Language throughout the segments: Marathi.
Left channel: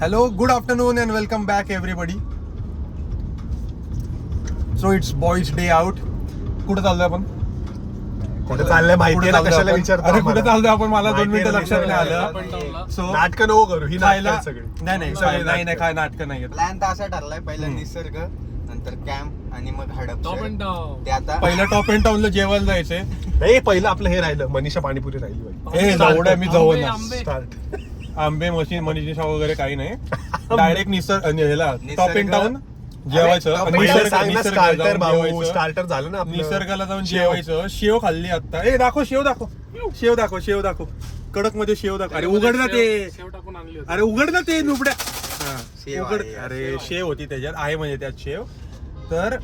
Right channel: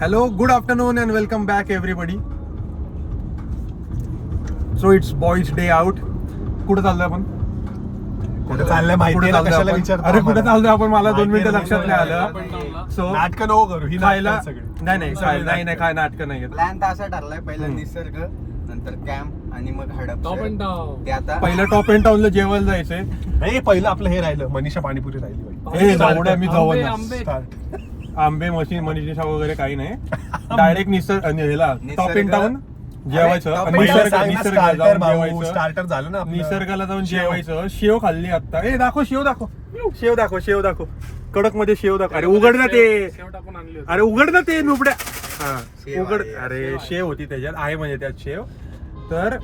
Hello, good afternoon and welcome back everybody. So it's boys day out. कुठे चाललोय आपण? कुठे चाललंय माहिती आहे कशाला विचारतो? अरे कुठे चाललोय आपण? मला 2 मिनिटं लक्षात नाही आलं. सो नाटक नको करू. ही खायला नाटकं नाही काय नाटक नाही आहेत. प्लॅन तर असा ठरलाय, पहिला निसर्ग, नंतर कॅम्प आणि मग हडप. ते आता पहिलं टॉप अँड टाउनला जेवायला जायचंय. नाही पहिलं आपलं हे राहिलं, मनीषा पाणीपुरी राहिली. हे जाऊड्या मी जाऊ ना. स्टार्ट. आंबे मनीषा वगैरे काही नाही. डायरेक्ट ह्याला टॉप अँड टाउन जेवायचं आणि निसर्गाला जाऊन जेवायचं. स्टार्टर झालं ना आपलं. निसर्गाला जाऊन जेवायचं. शेव खाल्ली आता. दाखव शेव दाखव कडक मध्ये शेव दाखव. अरे उघड ना ते नुबड्या. उघड. अरे शेव होती त्याच्यात, आहे म्हणजे त्यात शेव. तर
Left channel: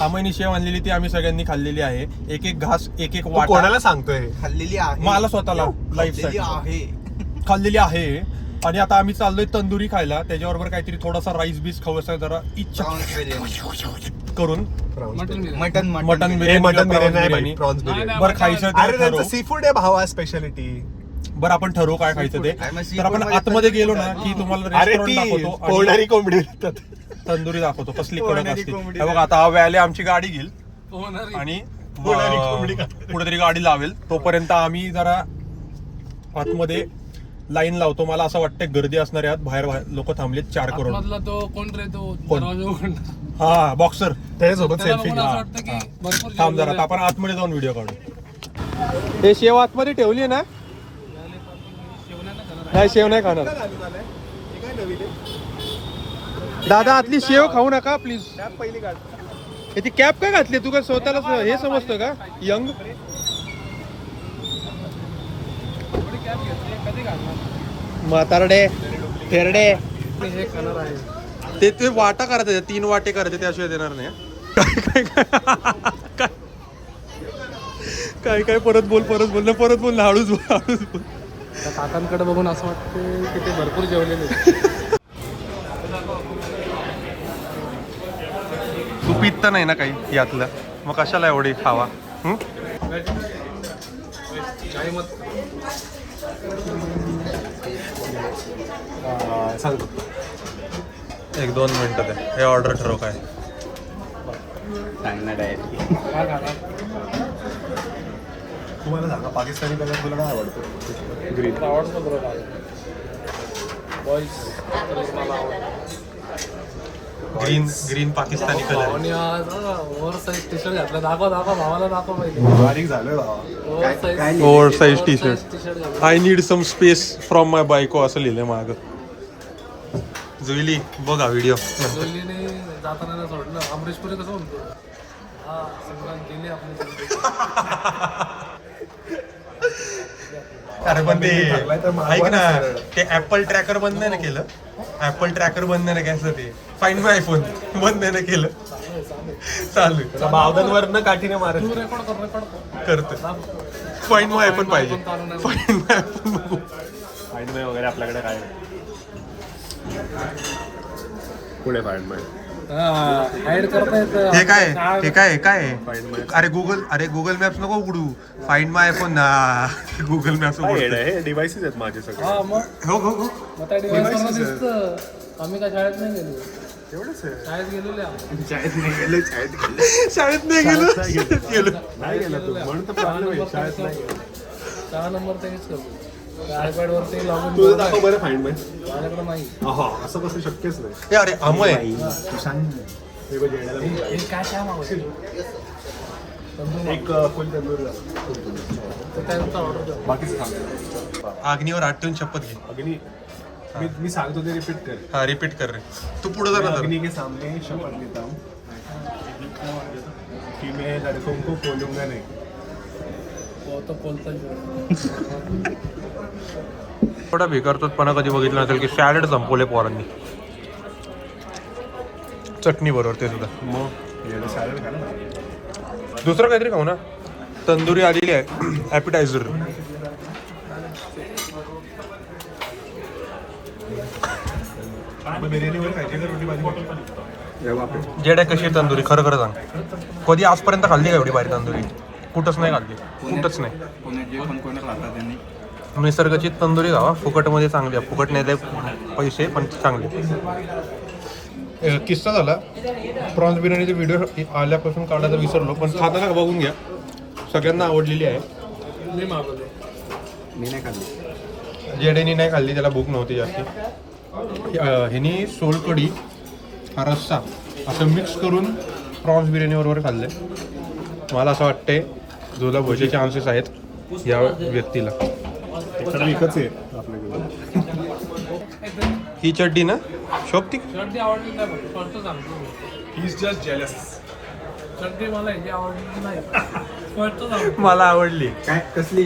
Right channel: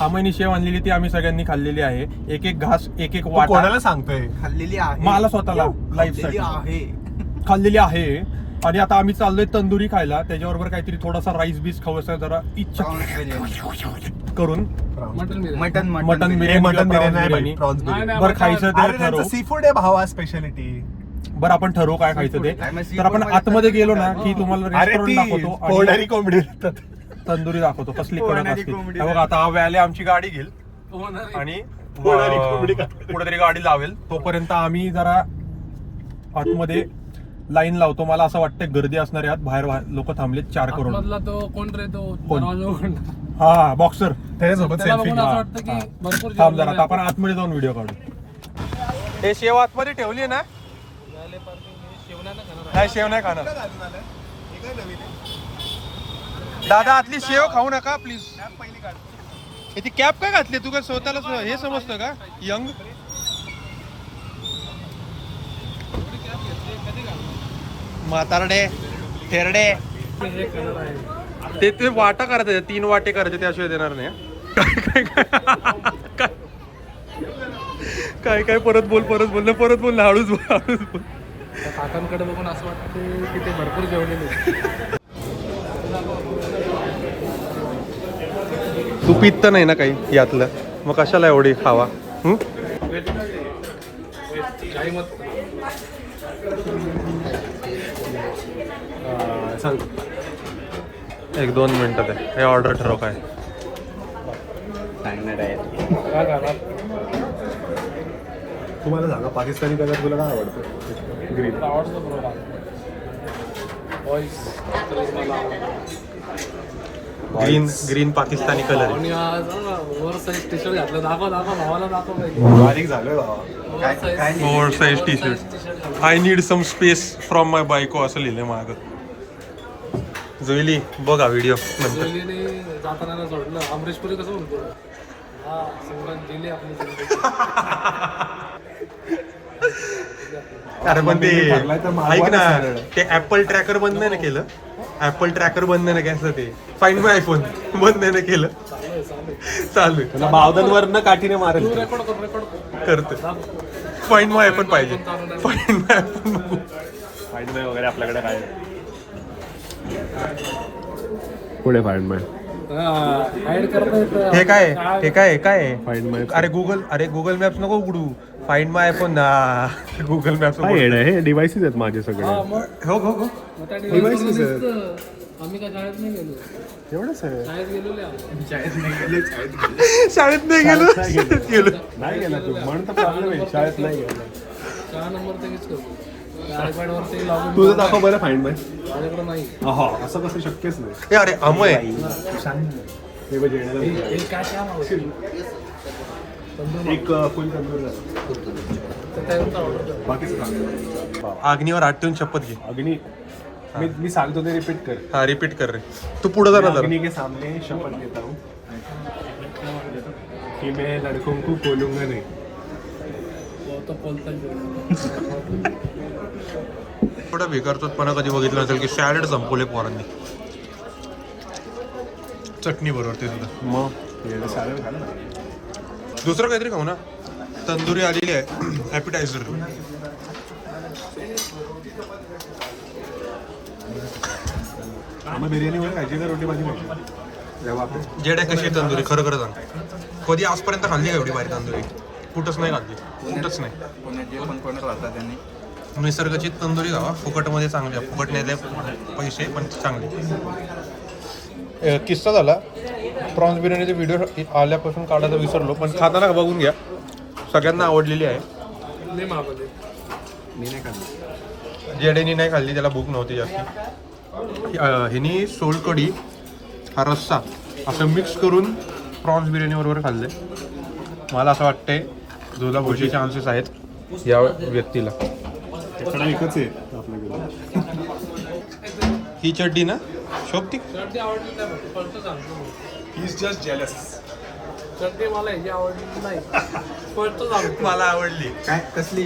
आम्ही शेव आणलेली ती आम्ही सगळ्यांनी खाल्लेली आहे. एक घास एक वाटा. कोणाला सांगतोय? खाल्लेली आहे, मला स्वतःला लाईफ साठी खाल्लेली आहे. आणि आता आम्ही चाललोय तंदुरी खायला. त्याच्याबरोबर काहीतरी थोडासा राईस बीस खावं जरा इच्छा करून. मटन बिर्याणी बरं खायचं ते ठरवू. सी फूड आहे भावा, स्पेशालिटी. बरं आपण ठरवू काय खायचं ते. तर आपण आतमध्ये गेलो ना की तुम्हाला रेस्टॉरंट दाखवतो आणि कोंबडी तंदुरी दाखवतो कसली कडक असते. बघा आता हा व्याले आमची गाडी घेईल आणि कुठेतरी गाडी लावेल. तोपर्यंत आम्ही जरा आतमध्ये लाईन लावतो. मला असं वाटतं गर्दी असणार आहे. बाहेर लोक थांबलेत 4 करोड. तो कोण रे तो? हा बॉक्सर. त्याच्यासोबत थांब जरा. आता आपण आतमध्ये जाऊन व्हिडिओ काढू. हे शेव आतमध्ये ठेवली ना? नाही शेव नाही खाणार दादा. आतली शेव खाऊ नका प्लीज. ती कॅप का घातली? तू का स्वतःला हे समजतं का यंग? म्हातारडे थेरडे. ते वाटा करायचं, 3 वाटे करायचे, त्याशिवाय देणार नाही. काय परत बोल ना. हळूच बोल. काकांकडे बघून असं वाटतं की ते भरपूर जेवलेले. तू पित्त नाही ना काही यातलं, मग कशाला एवढी खावा? सांगतो 1-2 मिनिटात आहे. हे ऑर्डर ठरव काय. तुम्हाला सांगा, पाकिस्तानी कलर तुला काय आवडतं? ग्रीन आवडतं बरोबर. बॉईस मला ग्रीन पाकिस्तानी कलर आहे. आणि ओव्हर साईज टी शर्ट घातला. दाखवा भावाला दाखवा पाहिजे. बारीक झालोय बाबा. Over size T shirt. I need some space from my बायको असं लिहिलंय माझं. जुईली बघा व्हिडिओ नंतर. जाताना नाही सोडलं. अमरीशपुरी कसं म्हणतो? हा सिमरन दिली आपली. अरे पण ते ऐक ना, ते ऍपल ट्रॅकर बंद नाही ना केलं. ऍपल ट्रॅकर बंद नाही ना केलं. ते फाइंड माय आयफोन बंद नाही ना केलं. चालू बावधनवर काठीने मारत. तू रेकॉर्ड करतो. फाइंड माय आयफोन पाहिजे. फाइंड माय आयफोन बघू. फाईंड माय वगैरे आपल्याकडे काय पुढे फाईंड माय. ऍड करता येतं. हे काय अरे गुगल मॅप्स नको उघडू. फाइंड माय आयफोन ना. गुगल मॅप्स हे डिव्हाइसेस आहेत माझे सगळे. हो मग त्या डिव्हाइस दिसतं. आम्ही काय शाळेत नाही गेलो. शाळेत गेलेले आम्ही. शाळेत नाही गेलो. नाही गेला तू म्हणतो शाळेत नाही. 4 नंबर तेच करतो. आयपॅड वरती लॉगिन. तुझं दाखव बरं फाईंड माय. माझ्याकडे नाही. हा असं कसं शक्यच नाही. हे अरे अमय हे बघ येण्याला. हे काय काय मागवतो? एक फुल तंदूर. बाकीचं सांग. अग्नीवर हात ठेवून शपथ घे. अग्नी. मी सांगतो ते रिपीट कर. हा रिपीट कर रे. तू पुढे जा ना जरा. अग्नि के सामने शपथ लेता हूँ कि मैं लड़कों को बोलूंगा नहीं. थोडा बेकारतोपणा कधी बघितला नसेल की सॅलड संपवले पोरांनी चटणी बरोबर. ते सुद्धा मग सॅलड खाल्लं. दुसरं काहीतरी खाऊ ना. तंदुरी आलेली आहे ॲपिटायझर. बिर्याणीवर खायची का रोटी भाजी? जेड कशी आहे तंदुरी खरं सांग. कधी आजपर्यंत खाल्ली का एवढी भारी तंदुरी? कुठंच नाही खाल्ली. कुठंच नाही. पुण्यात जे पण कोणी राहतात त्यांनी निसर्गाची तंदुरी खावा, फुकटमध्ये चांगली आहे. फुकट नाही पैसे पण चांगले. किस्सा झाला, प्रॉन्स बिर्याणीचे व्हिडिओ आल्यापासून काढायला विसरलो, पण खाताना बघून घ्या, सगळ्यांना आवडलेली आहे. मी मागवले. मी नाही खाल्ली. जेडेनी नाही खाल्ली, त्याला भूक नव्हती जास्ती. ह्यानी सोलकढी हा रस्सा असं मिक्स करून प्रॉन्स बिर्याणी बरोबर खाल्ले. मला असं वाटतंय तुला भोजे चान्सेस आहेत या व्यक्तीला. खडा विकत आहे आपल्याकडे. ही चड्डी ना शोभती. चड्डी आवडली काय म्हणतो? स्पष्ट सांगतो. He is just jealous. चड्डी मला ह्याची आवडली नाही. स्पष्ट सांगतो. मला आवडली. काय कसली?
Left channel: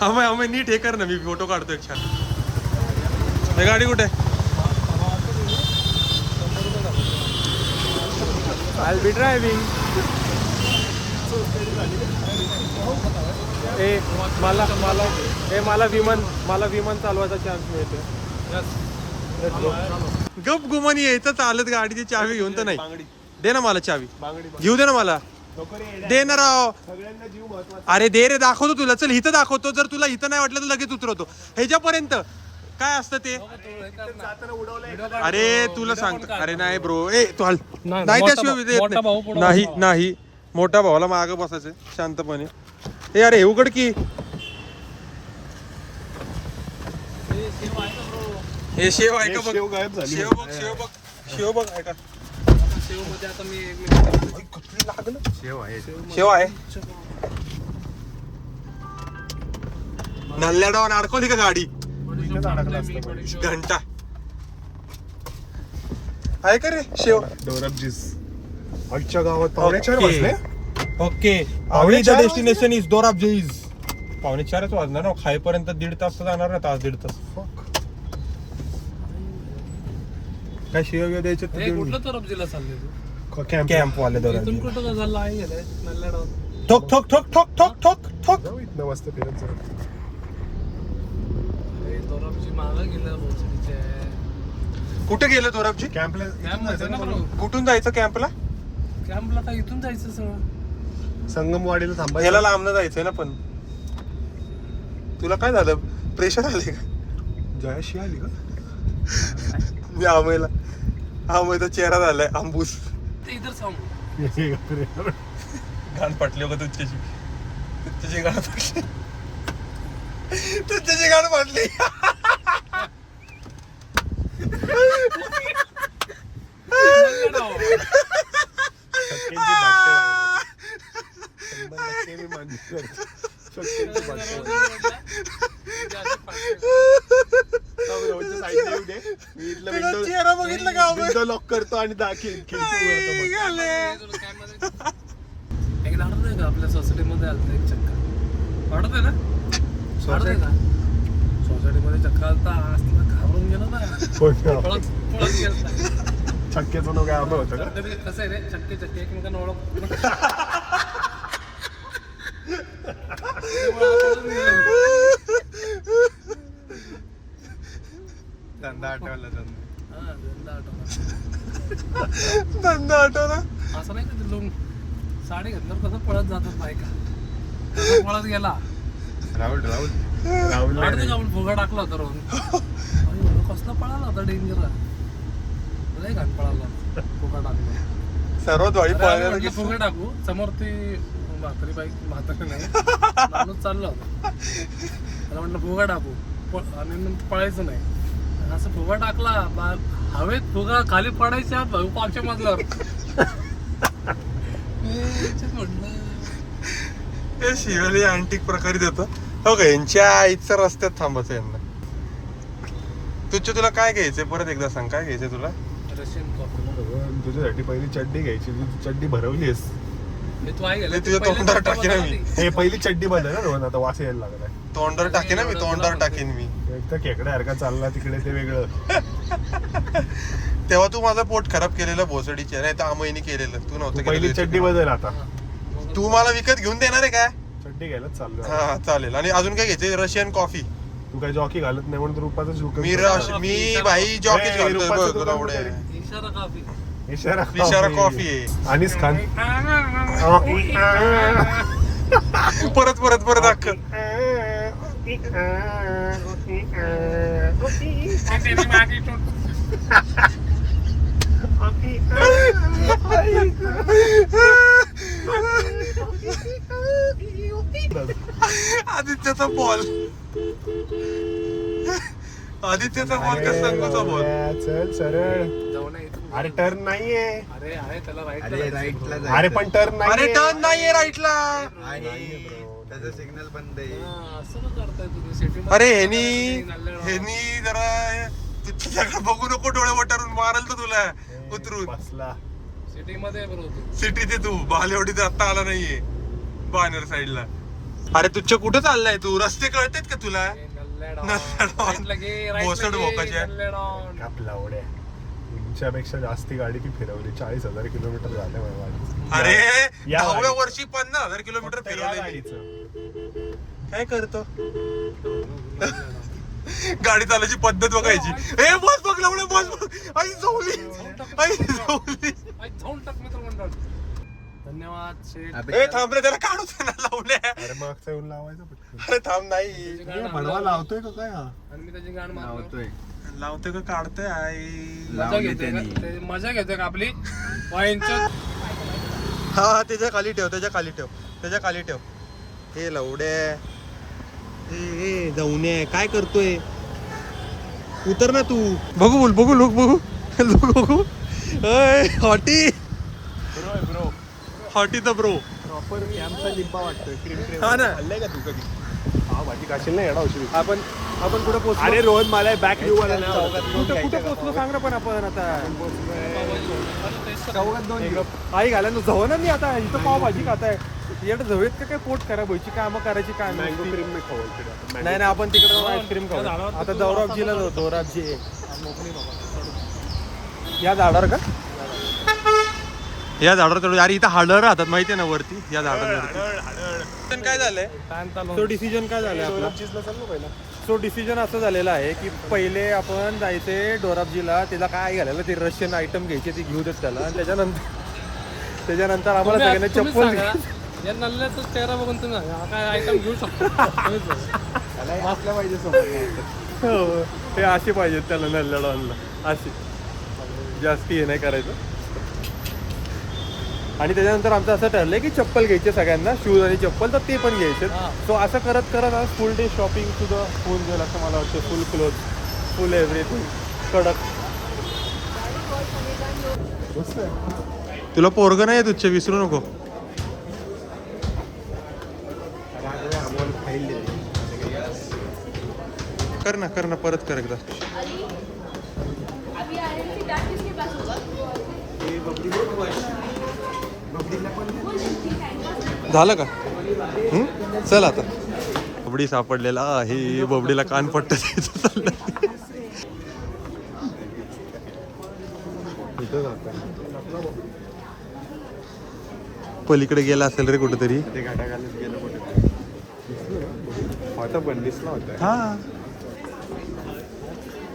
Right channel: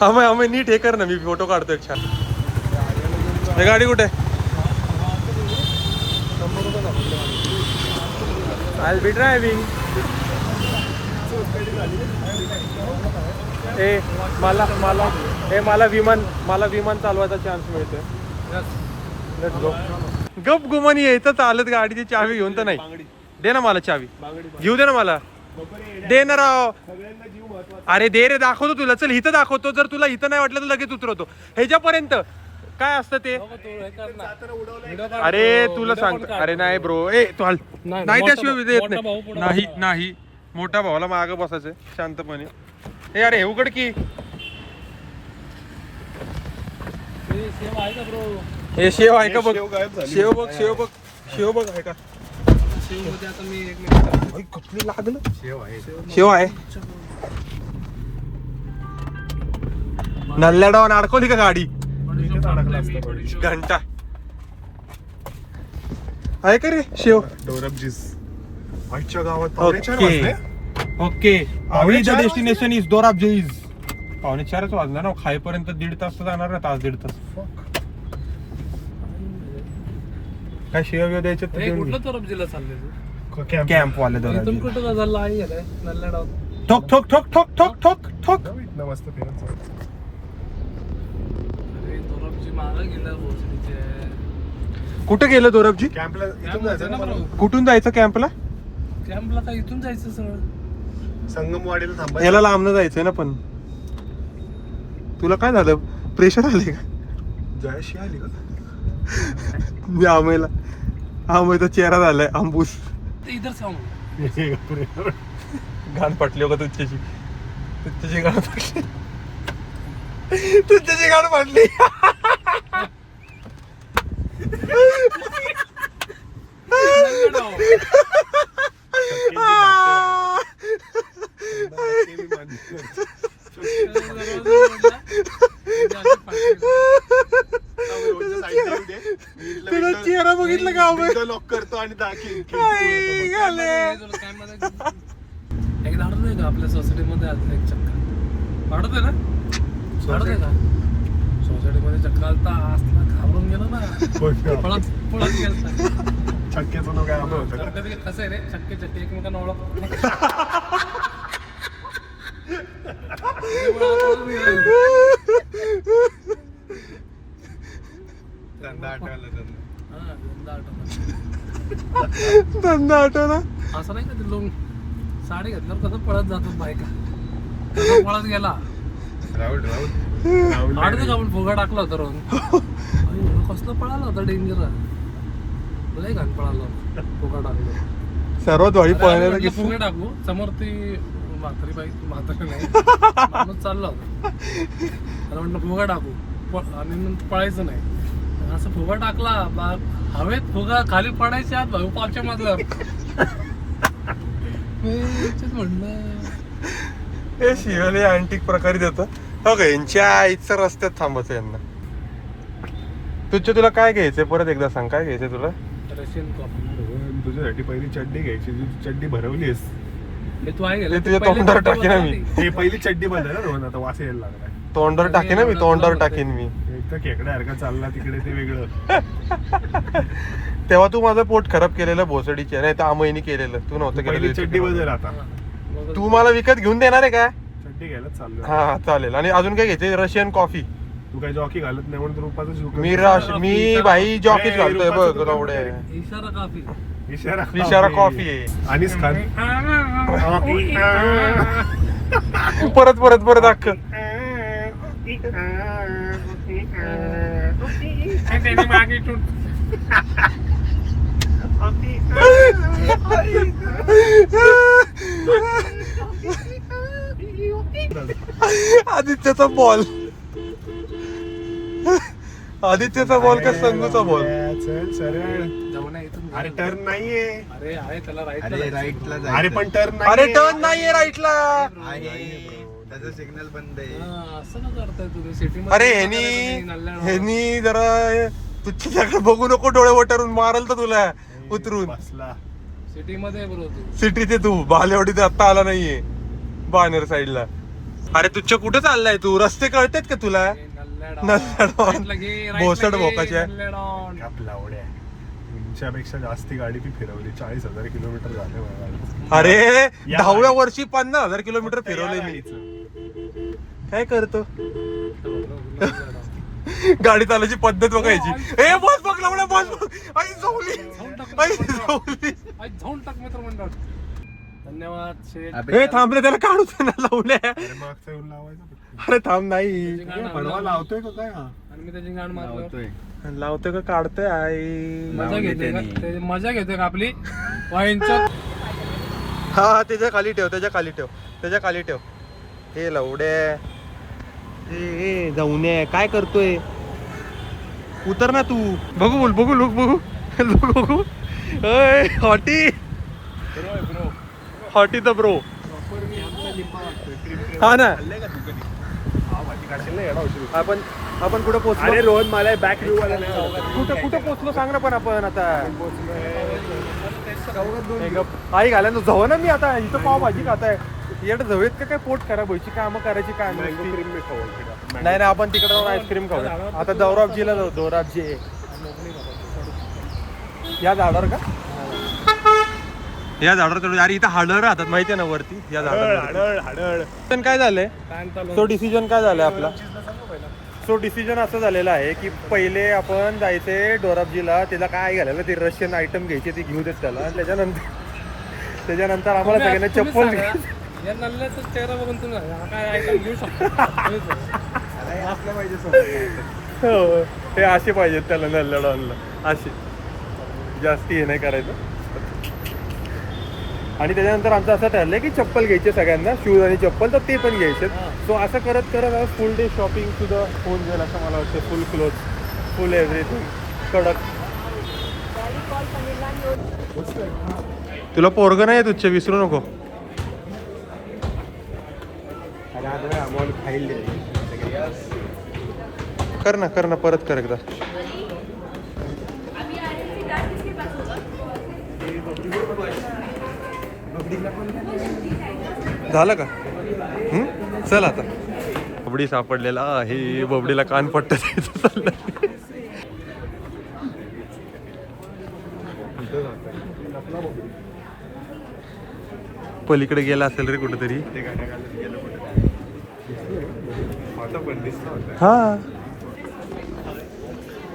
आम्ही नीट हे कर ना, मी फोटो काढतो एक छान. हे गाडी कुठे? I be driving. मला विमान चालवायचा चान्स मिळतोय. गप गुमानी यायचं चालत, गाडीची चावी घेऊन तर नाही. दे ना मला चावी, घेऊ दे ना मला. दे ना राव. सगळ्यांना जीव महत्वाचा. अरे दे रे, दाखवतो तुला. चल इथं दाखवतो. जर तुला इथं नाही वाटलं तर लगेच उतरवतो. ह्याच्यापर्यंत काय असतं ते? जाताना उडवलंय. अरे तुला सांगतो. अरे नाही ब्रो, ए तू हल. नाही त्याशिवाय देत मोठा भाऊ पुढं नाही. नाही मोठ्या भावाला मागं बसायचंय शांतपणे. ए अरे हे उघड की. सेव आहे का ब्रो? हे शेव आहे का बघ. शेव गायब झाली. शेव बघ, शेव बघ, शेव बघ आहे का? सेव मध्ये आता मी एक मिनिट. कुठली लागलं? शेव आहे. शेव आहे. नल्ल्या डाऊन अडकवली का गाडी? घंटा आहे का रे शेव? डोरबजीस. आजच्या गावात पाहुण्याच्या ओके वाजले. ओके. आम्ही द डेस्टिनेशन इज दोराबजीज. 4:45 वाजला ना. खाईपर्यंत 1.5 तास तर जाणार ना. तास 1.5 तास. काय शिव्या द्यायचं हे कुठलं तरबजीला चालले तू? कॅम्प वाले इथून दोराबजी. कुठं झालं आहे गेलाय नल्ला डाव. ठोक ठोक ठोक ठोक ठोक ठोक ठोक. जाऊ इथनं मस्त फिरत जाऊ. अरे तरबजी मागं गेलं भोसडीचे. कुठे गेलं दोरबजी? कॅम्पला कॅम्प होतं ना बरोबर. कुठून जायचं कॅम्पला? कॅम्पला काय इथून जायचं सगळं? संगमवाडीला थांबायचं. याला लांबनं जायचं ना. पण तुला काय झालं? प्रेशर आले का? जयशी आली का? आमेचा चेहरा झालाय अंबूस. ते इधर सांग. घाण पटली का तुझ्याशी? तुझ्याची घाण पटली. तुझ्याची घाण पटली. नल्ला डाव. चेहरा बघितलं का? लॉक करतो आणि एकदा आठवतंय का आपल्या सोसायटीमध्ये आलता एक चक्कर? आठवतंय ना? आठवतंय का? सोसायटीमध्ये चक्कर आलता. असला घाबरून गेलो ना. पळत गेलो. छक्क्याचं नाव काय आपलं होतं का? कधी कसं आहे रे, छक्के छक्के एकमेकांना ओळख. धंदा आठवला धंदा आठवला. असं नाही का ते लोक साडी घातल्यावर कसं पळत जातात बायका, कसं पळत गेला. राहुल आडते का आपण फुगा टाकला होता रोहन. कसलं पळाला होता डेंजर. लय घाण पळाला होता फुगा टाकला. सर्वात वाईट म्हटलं फुगे टाकू. समोर ती म्हातारी बाई, म्हातारी नाही माणूस चालला होता. त्याला म्हटलं फुगा टाकू आणि नंतर पळायचं नाही. असं फुगा टाकला, हवेत फुगा खाली पडायच्या आत भाऊ पाचच्या मजल्यावर. हे शिवले अँटिक प्रकारे देतं. हो का? यांच्या आईच्या रस्त्यात थांबायचं यांना. तुला काय घ्यायचंय परत एकदा सांग. काय घ्यायचंय तुला? Russian coffee. तुझ्यासाठी पहिली चड्डी घ्यायची. तू चड्डी भरवलीस. हे तू आहे हे तुझ्या तोंडावर टाकेन ना मी. हे पहिली चड्डी बंद आहे ना रोहन. आता वास यायला लागलाय. तोंडावर टाकेन ना मी. तोंडावर टाकेन मी. एक तर खेकड्यासारखा चालला तिकडे ते वेगळं. तेव्हा तू माझं पोट खराब केलेलं भोसडीच्या. नाही तर आमईनी केलेलं. तू नव्हतं पहिली चड्डी केलेलं. बदल आता. तू मला विकत घेऊन देणार आहे काय? चड्डी घ्यायलाच चाललोय. हा चालेल. आणि अजून काय घ्यायचंय? Russian coffee. तू काय जॉकी घालत नाही म्हणून रुपाचं शूक. मी भाई जॉकीच घालतोय बघ एवढे. इशारा काफी. इशारा कॉफी आहे. अनिस खान. परत अख्ख आदित्यचा बॉल, आदित्यचा बॉल का संगूचा बॉल? चल सरळ. अरे टर्न नाहीये. अरे आहे त्याला अरे राईटला अरे पण टर्न नाही. अरे टर्न नाहीये राईटला. त्याचा सिग्नल बंद आहे. असं का करताय तुम्ही सिटी अरे ह्यानी जरा तुझ्याकडे बघू नको, डोळे वटारून मारल तर तुला उतरून. बसला. सिटी मध्ये बरोबर सिटीचे तू बालेवाडी तर आता आला नाहीये बानर साईडला. अरे तुझ्या कुठे चाललाय तू? रस्ते कळतेत का तुला? भोसड भोकाच्या. कापला ओढ्या. तुमच्यापेक्षा जास्ती गाडी ती फिरवली. 40,000 किलोमीटर झाले माझ्या गाडीचं. अरे या 10व्या वर्षी 50,000 किलोमीटर फक्त या फिरवले मी. गाडीचं. काय करतो? गाडी चालायची पद्धत बघायची. ए बस बघ लवड्या, बस बघ. आई झोवली, आई झोवली. जाऊन टाक मित्र मंडळ. धन्यवाद शेठ. ए थांबले, त्याला काढू दे ना लावल्या. अरे मागचा येऊन लावायचं पटकन. अरे थांब नाही. पडवा लावतोय का काय हा? आणि मी त्याची गाण मारतोय. लावतोय का काढतोय आई? मजा घेतोय का? ते मजा घेतोय का आपली वाईनचं? हा त्याच्या खाली ठेव, त्याच्या खाली ठेव, त्याच्या खाली ठेव. हे लवड्या, ए जाऊन काय करतोय? उतर ना तू. बघू बोल, बघू लोक, बघू लोक, बघू. अय hottie, bro hottie the bro. हा ना. आपण कुठं पोहोचलो? अरे रोहन मला बॅक व्ह्यू वाला नाही आवडत. कुठं पोहोचलो सांग ना. पण आपण आता आई घालायला जाऊ ना. मी आता इथं पावभाजी खाताय. येणं जवळत का काय? पोट खराब व्हायची कामं करायची काय नाही. नाही ना, आपण तिकडे जाऊन आईस्क्रीम खाऊ. आता दौराबजीला जाऊ. दौराबजी या झाडावर का? या झाडावर चढू. अरे इथं हाडं राहतात माहितीये ना वरती, या झाडांवरती. काय झालंय? तो डिसिजन काय झालाय आपला? सो डिसिजन असं झालेलं आहे की पहिले आपण जायचे डोराबजीला. त्याला काय घालायला ते रशियन आयटम घ्यायचे, ते घेऊ देत त्याला. आणि त्याच्यानंतर आम्हाला सगळ्यांना चप्पल. या नल्ल्याचा चेहरा बघून तुम्ही सांगा, काय आयटम घेऊ शकतो. वाचलं पाहिजे. हो, हे असे पाहिजेत त्याला नल्ल्या डॉनला, असे. जास्ती हे नाही करायचं. आणि त्याच्यानंतर आमचं असं ठरलंय की चप्पल घ्यायचे सगळ्यांना, शूज आणि चप्पल, तर ते पण घ्यायचे. सो असं करत करत आज फुल डे शॉपिंग सुद्धा होऊन जाईल असं मला वाटतं. फुल क्लोथ, फुल एव्हरीथिंग, कडक. तुला पोरगं नाही तुझ्या, विसरू नको. कर ना परत कर एकदा. झालं का? चल आता. बबडी सापडलेला आहे. बबडीला कान पट्ट द्यायचं चाललंय. पलीकडे गेला असेल रे कुठेतरी. हा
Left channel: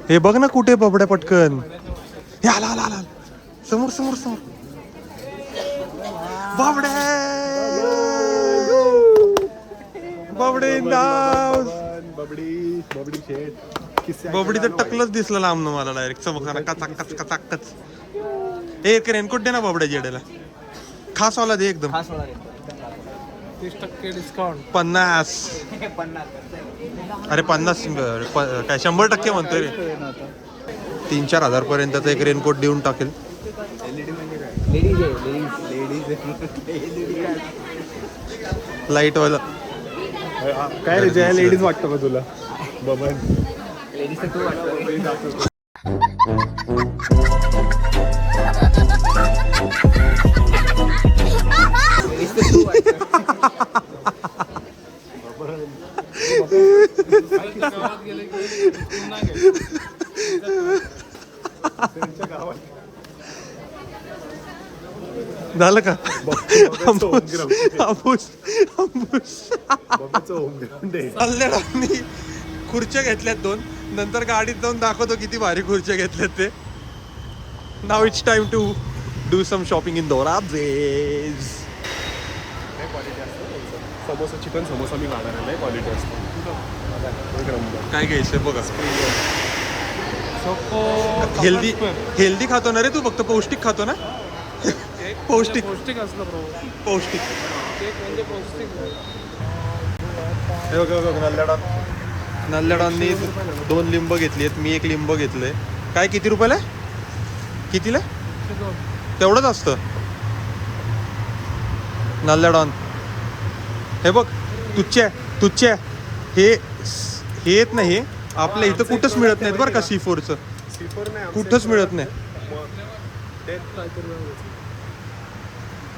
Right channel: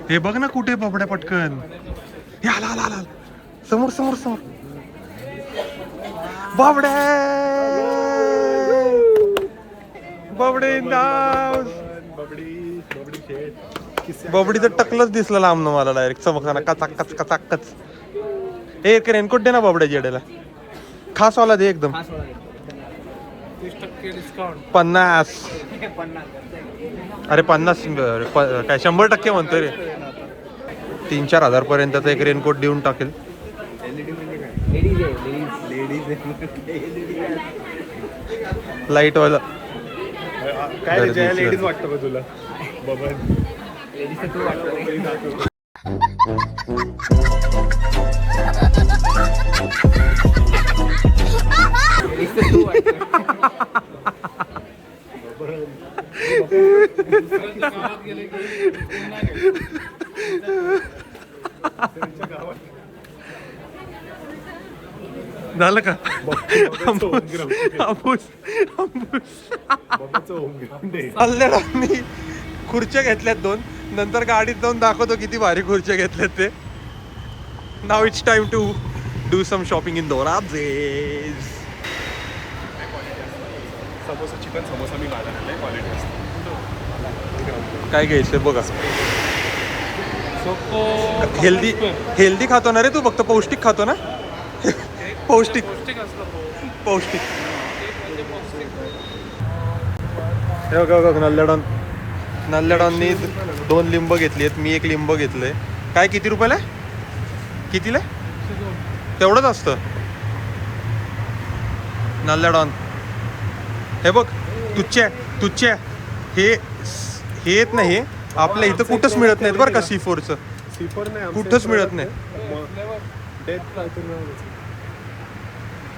हे बघ ना कुठे बबड्या, पटकन. हे आला आला आला, समोर समोर समोर. बाबडे बाबडे नाव. बबडी तर टकलच दिसलं लांबनं मला डायरेक्ट चमकताना. कचाकच कचाकच. एक रेनकोट दे ना बाबड्या जेड्याला. खास वाला दे एकदम. 30% डिस्काउंट. 50. अरे 50 काय 100% म्हणतोय रे. 3-4 हजार पर्यंतचा एक रेनकोट देऊन टाकेल. लाईट वाला. काय लेडीज वाटतं का तुला? बबन लेडीज तू वाटतो. गावात गेले की पुन्हा गेले. झालं का? अल्लेडांनी खुर्च्या घेतल्यात 2. नंतर गाडीत जाऊन दाखवतो किती भारी खुर्च्या घेतल्यात ते. नाव it's time to do some shopping in Dorabjee's. Samosa, chicken samosa मी मागवला क्वालिटी असतो. काय घ्यायचंय बघा. चोको हेल्दी खातो ना रे तू, फक्त पौष्टिक खातो ना. पौष्टिक पौष्टिक असलं पाहिजे. पौष्टिक. केक म्हणजे पौष्टिक. हे बघा बघा नल्ल्याडांनी 2 लिंब घेतली आहेत, मी 1 लिंब घेतलंय. काय किती रुपयाला? कितीला? तेवढंच असतं नल्ल्याडॉन. हे बघ तुच्च्या हे येत नाही, आपल्या इथं कुठंच मिळत नाहीत बरं का. C4चं कुठंच मिळत नाही.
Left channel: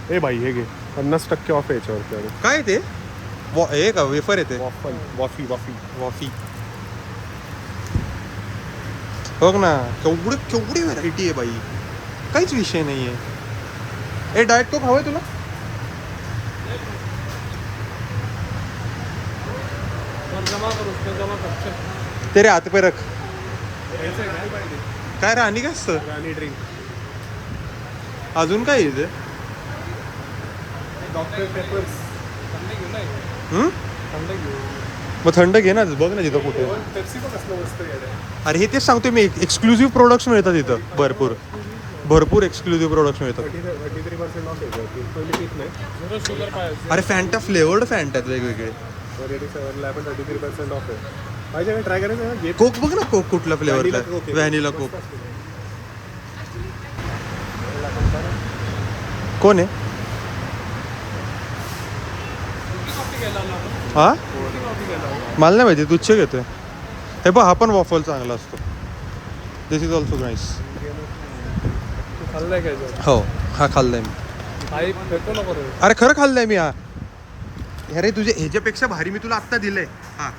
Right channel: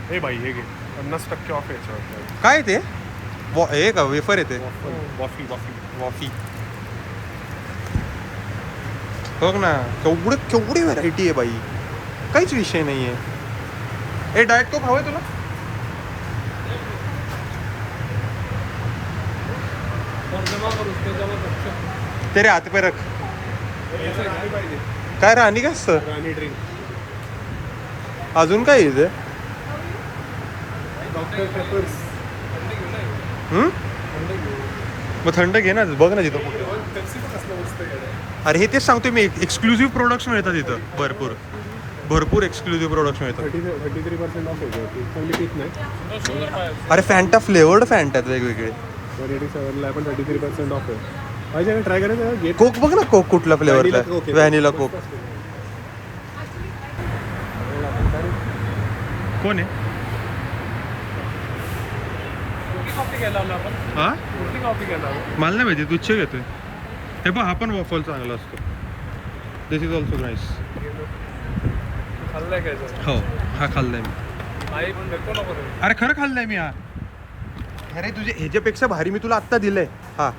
हे भाई हे घे 50% ऑफ याच्यावर. काय ते हे का वेफर येते? वॉफी बघ ना, केवढी व्हरायटी आहे बाई, काहीच विषय नाही आहे. हे डायट कोक हवंय तुला? जमा करू जमा करतो. तेरे हात पे रख. काय राणी का असतं? राणी ड्रिंक. अजून काय इथे? Doctor papers. मग थंड घे ना, बघ ना तिथं कुठे. अरे हे तेच सांगतो मी, एक्सक्लुझिव्ह प्रोडक्ट्स मिळतात इथं. भरपूर एक्सक्लुझिव्ह प्रोडक्ट्स मिळतात. 33% ऑफ आहे. कोणी पित नाही. अरे फॅन्टा फ्लेवर्ड फॅन्टा वेगवेगळे. 33% ऑफ आहे. ट्राय करायचं. कोक बघ ना, कोक कुठला फ्लेवरला? व्हॅनिला कोक. कोण आहे? हा मला नाही माहिती, तुझे घेतोय. हे बघ, हा पण वॉफल चांगला असतो. दिस इज ऑल्सो नाईस. हो हा खाल्लाय मी. अरे खरं खाल्लंय मी हा. अरे तुझे ह्याच्यापेक्षा भारी मी तुला आत्ता दिलंय. हा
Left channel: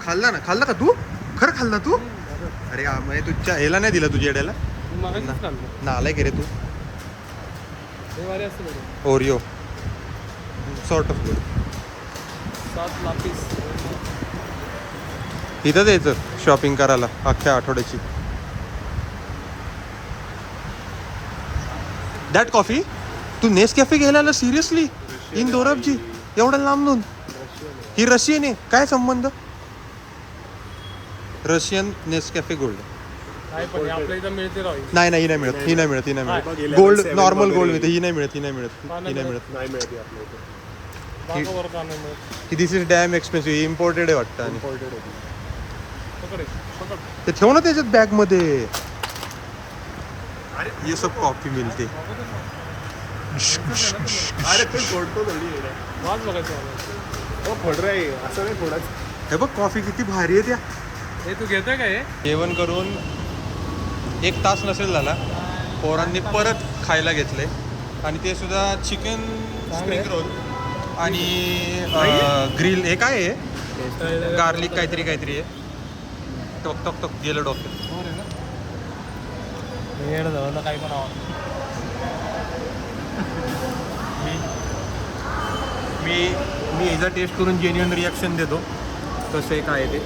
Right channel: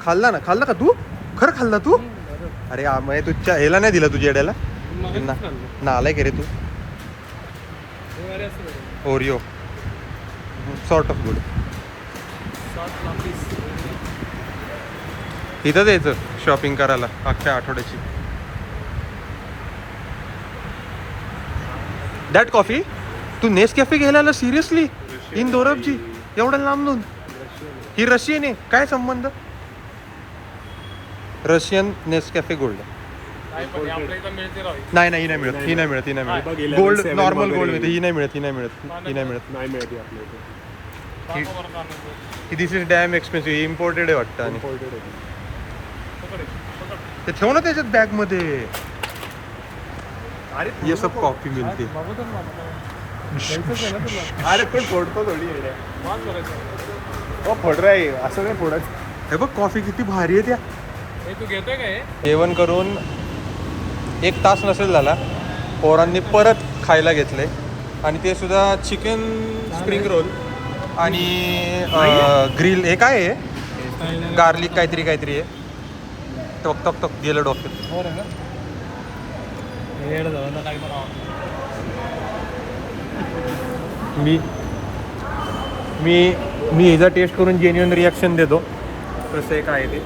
खाल्ला का तू? खरं खाल्ला तू? अरे मग तुझ्या ह्याला नाही दिला, तुझ्या येड्याला नालाय का रे तू? Oreo sort of good. इथंच यायचं शॉपिंग करायला अख्ख्या आठवड्याची. दॅट कॉफी तू नेसकॅफे घ्यायला सिरियसली? इन दोराबजी एवढं लांबून? ही रशियन आहे, काय संबंध? Russian Nescafe gold. नाही ही नाही मिळत. गोल्ड नॉर्मल गोल्ड मिळते, ही नाही मिळत. दिस इज डॅम एक्सपेन्सिव्ह. इम्पोर्टेड आहे वाटतं. आणि ते ठेव ना त्याच्यात बॅग मध्ये. ये सब कॉफी मिळते. अरे तू फोडतो थोडी फोड रे असं काय फोडत. हे बघ कॉफी किती भारी आहे त्या. तू घेतोय का? जेवण करून 1 तास नसेल झाला, पोरांनी परत खायला घेतले. आणि ते सुद्धा चिकन स्प्रिंग रोल आणि ग्रिल. हे काय आहे? गार्लिक काहीतरी आहे. टक गेलं डॉक्टर. काही पण मी ह्याचा टेस्ट करून जेन्युइन रिॲक्शन देतो कसं आहे काय ते.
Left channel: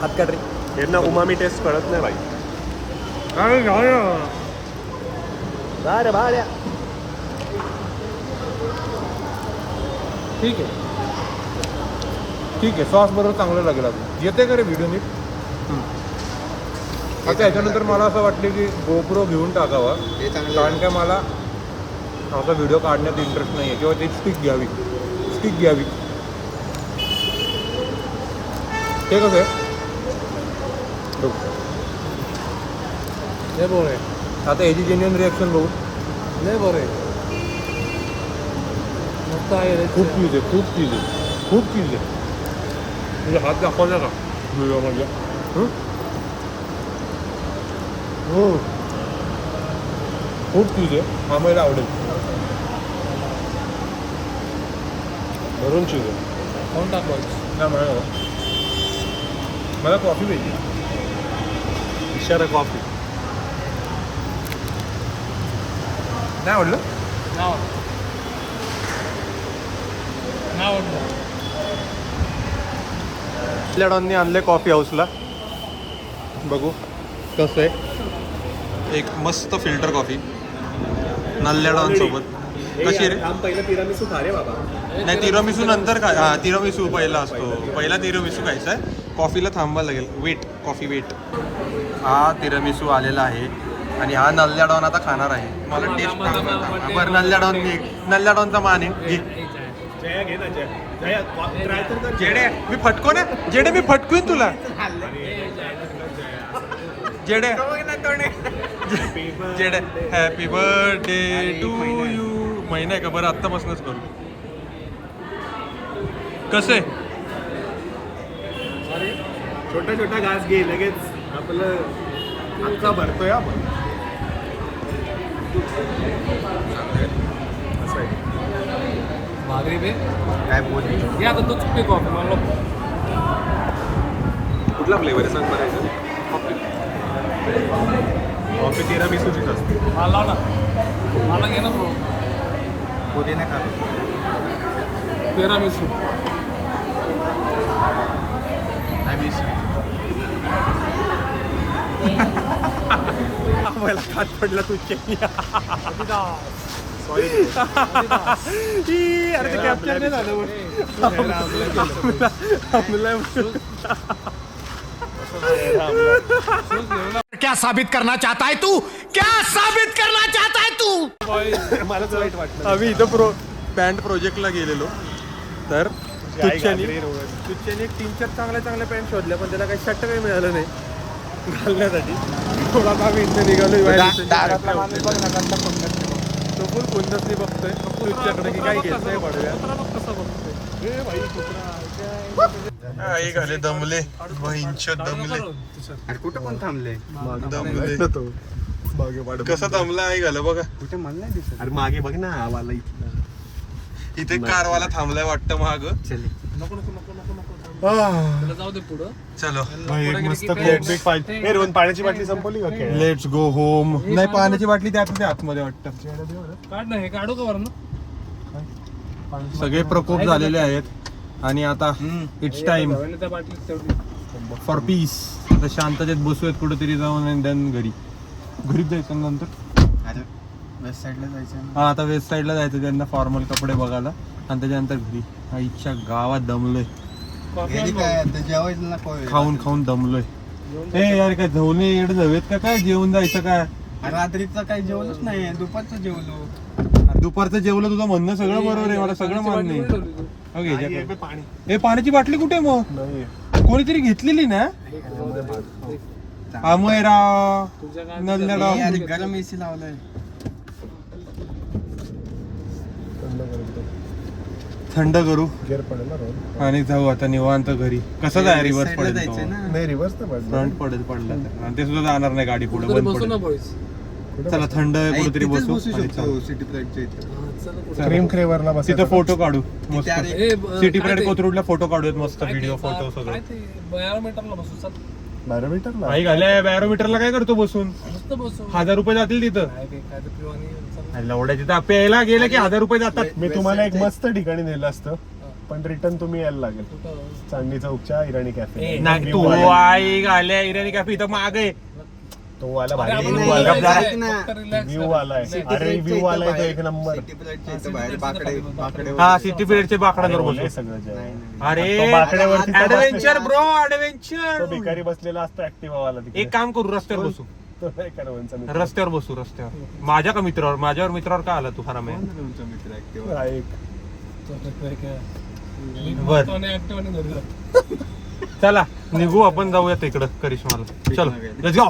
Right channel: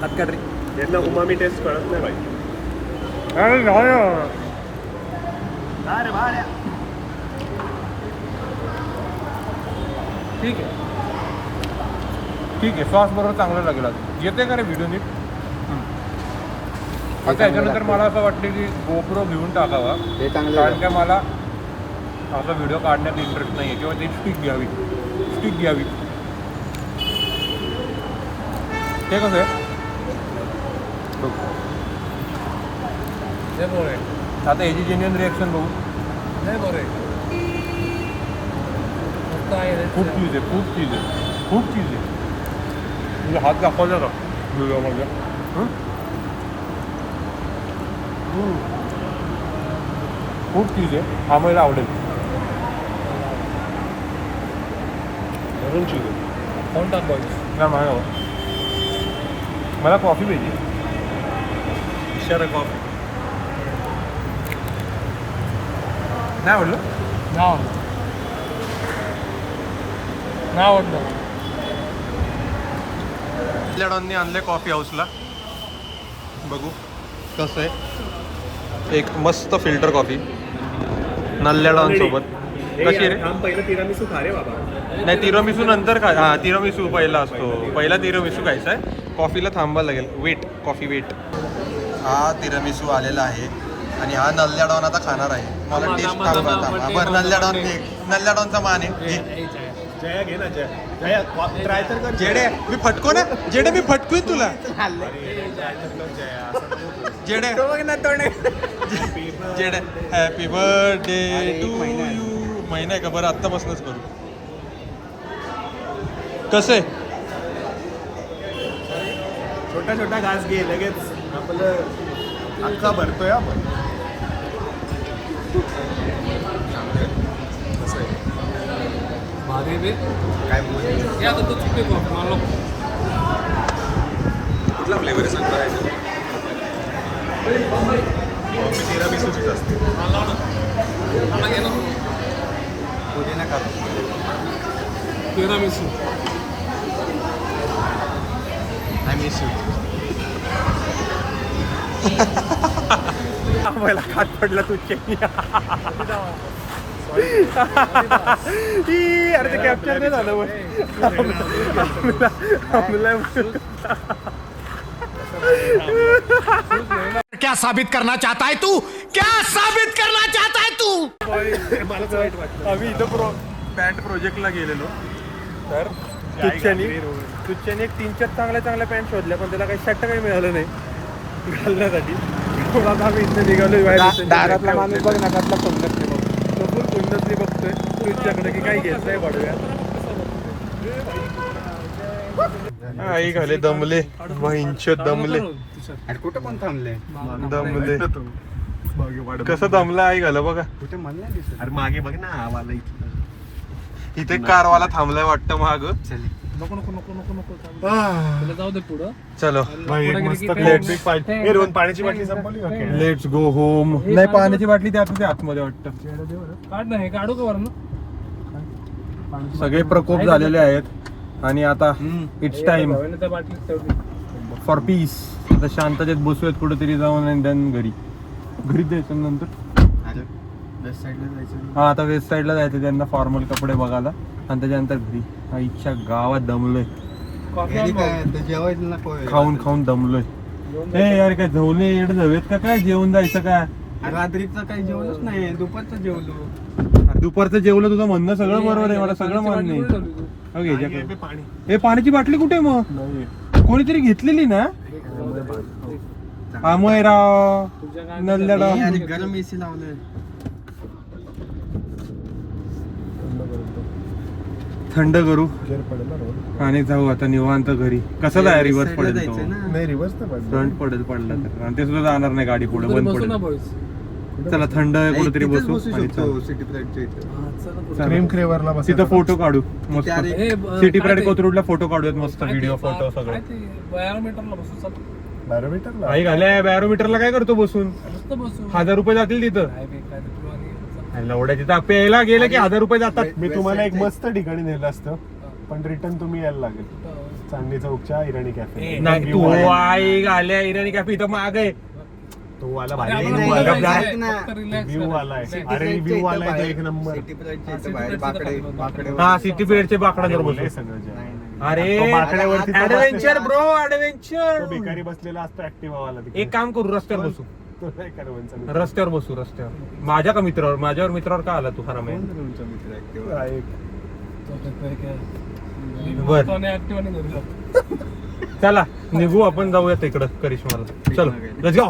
हात काढ रे. यांना उमामी टेस्ट कळत नाही भाई. अरे बाहेर ठीक आहे. सॉस बरोबर चांगलं लागेल. अजून येते का रे व्हिडिओ नीट? आता याच्यानंतर मला असं वाटलं की गोप्रो घेऊन टाकावा, कारण काय मला असा व्हिडिओ काढण्यात इंटरेस्ट नाही आहे. किंवा ती स्टिक घ्यावी. ते कसं आहे बघ. आता ह्याची जेन्युइन रिॲक्शन बघू. नाही बरं खूप चीज आहे. तुझे हात दाखवले का व्हिडिओमध्ये? खूप चीज आहे. हा मला आवडेल. भरून चीज आहे. कोण टाकवायचं? नाही मला कॉफी पाहिजे. इशारा कॉफी नाही आवडलं. नाही आवडलं. लॅडॉनने आणले कॉफी हाऊसला. बघू कसं आहे. एक मस्त फिल्टर कॉफी नल्ल्याडॉन सोबत. कशी रे? पहिलं तिरामिसू खा रे बाबा. नाही तिरामिसू नंतर काय, हा तिरामिसू पहिला असतो, पहिला तिरामिसू खायचा आहे. कॉफीला थांबायला लागेल, वेट कॉफी वेट. हा तिरामिसू आलेला आहे आणि हा नल्ल्याडॉन आता खाणार आहे. मला टेस्ट सांगता बरं. नल्ल्याडॉनचा मान आहे. घे. जया घे ना जया ट्राय तर कर. जेडे मी फटको ना, जेडे मी फटकवीन तुला. जेडे जेडे हॅपी बर्थडे टू यू. महिना आहे का बरं, आत्तापासूनच करू. कसं आहे? छोटा छोटा घास घे, लगेच आपलं अख्खा भरतोय आपण. भाकरी बी काय बोलू या का तूच पिक वापर मला कुठला फ्लेवर आहे सांगता? मला ना मला घे ना पुदिना का तिरामिसू. मला खात पडला तू चटणी. अरे ते कॅप्चर नाही झालं. क्या साबित करना चाहता है तू? क्या साबित करना चाहता है तू? आम्ही इथं बँड प्रोजेक्टला गेलेलो तर तुच्छानी एक 3-4 चांगल्या पॅन्ट शोधल्या, पण त्याला काही शर्ट काही मिळालं नाही घालण्यासाठी. थोडा आम्ही इथं निघालोय तो फुल कुंदसली बघतोय तुझ्याकडे की काही घेत नाही पडव्या. आई घाले दमले, दमले अरे कुठं पण थांबले दमले. कसं दमला आई घालं बघा. कुठे मला नाही दिसत. अरे मागे बघ ना आवाला इथं. इथे कारवाला थांबलाय वाटतं माग. नको नको नको नको नको तुला जाऊ दे पुढं. चलो एक मस्त कोक पाहिजे. हे रोहन पाण्याची बाटली संपवली का? Let's go home. नाही पाण्याची बाटली त्यात आतमध्ये वाटतं. काढ ना हे काढू का वरनं. सगळे प्रकोप झालेले आहेत आणि आता इट्स टाइम भावाने त्या बाटलीत ठेवली. For piece. आता शांततेत बसूयात कुठेतरी जाऊन आणि देन घरी जायचं नंतर. अरे वेस्ट साईडला जायचं. हा आता वेस्ट साईडला जायचं त्यांना फॉर्मल कपडे बघायला आणि त्याच्यानंतर घरी. आईच्या गावात दमलोय, कॉफी घरी आण काय भाऊ. आता जेवायचं ना कोय. खाऊन दमलोय. ए यार काय झवले इकडे जाऊयात का काय? जेवण जायचं का? रात्रीचं काही जेवणच नाही, दुपारचं जेवलो. अरे दुपारचं जेवलं तुझं म्हणणं सगळं बरोबर आहे, मला सगळं पाण्याची मान्य बाटली आहे. कुठे ठेवली तू? हो, घे, ज्याकडे. हे पाणी ए पाण्याची बाटली कुठे आहे मग? नाही. कोणीतरी घेतलेली ना? जाऊ दे बाळ. अमय राव तुझ्या काय नल्ल्याराव. अरे गरम एसी लावलाय. थंड करू गेअर पडेल ना रोहन. आणि जाऊ आता निवांत घरी. कसं जाय रिव्हर्स साईडला पडेल जायचंय तो. ना. नाही रिव्हर्स तर पडलं. फ्रंट पडेल पडला तर, आणि ते सुद्धा जाणार नाही गाडी पुढे कुठेतरी बंद बसू ना पडेल. बॉईज. चला थंड कुठेतरी तिथेच बसू आणि शकतो चल. सिटी प्लेटच्या इथे. हा, चला कुठं. चला. क्रीम क्रेवरला बस. तिथं फोटो काढू मस्त. अरे, ए, सिटी काय प्राईड ते? कोथरूडला फोटो काढूयात मस्त. काय ते? व्हिडिओ फोटो काय सगळे. ते? बायोमीटरला बसू चल. बॅरोमीटरला. आई घाल्या बॅरोमीटरला काय करतो बसून? मस्त बसू. 1000 रुपये जातील तिथं. काय बे, काय ते तुला आणि चल. लवड्या तिथं प्यायला गेलं की 1000 रुपये जातात. मी तुम्हाला एक मस्त ठिकाणी नेलं असतं, पण रिटर्न तुम्ही यायला लागेल. कुठं? चांदणी चौकच्या इराणी कॅफे. नाही तू आई घाल्या इराणी कॅफे इथं माग आहे. तो वाला अरे, भारी आपण व्ह्यू नाही, आला. नाही, जरा नाही, नाही. फक्त relax व्ह्यू करा. आलाय. City अरे प्लेटच्या व्ह्यू इथे आलाय तो बाहेर. एक नंबर. सिटी प्लेटच्या इथे City बाहेर प्लेटच्या बाकडे इथे बाकडे हा सिटी फेअरचे बाकड्यावर बोलले बसू. सगळं जय. अरे तो बाकड्यावरती तो ऍडव्हेंचर बसलेला- ब्रो तो ऍडव्हेंचर. भिकारी बसलेला असतो ऍक्टिव्हा वाला तिकडे. एक काम करू रस्त्यावर बसू. तो नाही का रोहनचा मित्र? रस्त्यावर बसू रस्त्यावर. माझ्या का मित्रावर? माझ्यावर मित्रावर का आला तू खरा कोण तुमचा मित्र ऍक्टिव्ह? हा, एक. बर. तो आणि active आणि धरलं. चला निघू आपण जाऊया तिकडं करिश्माला. चलो लेट्स गो.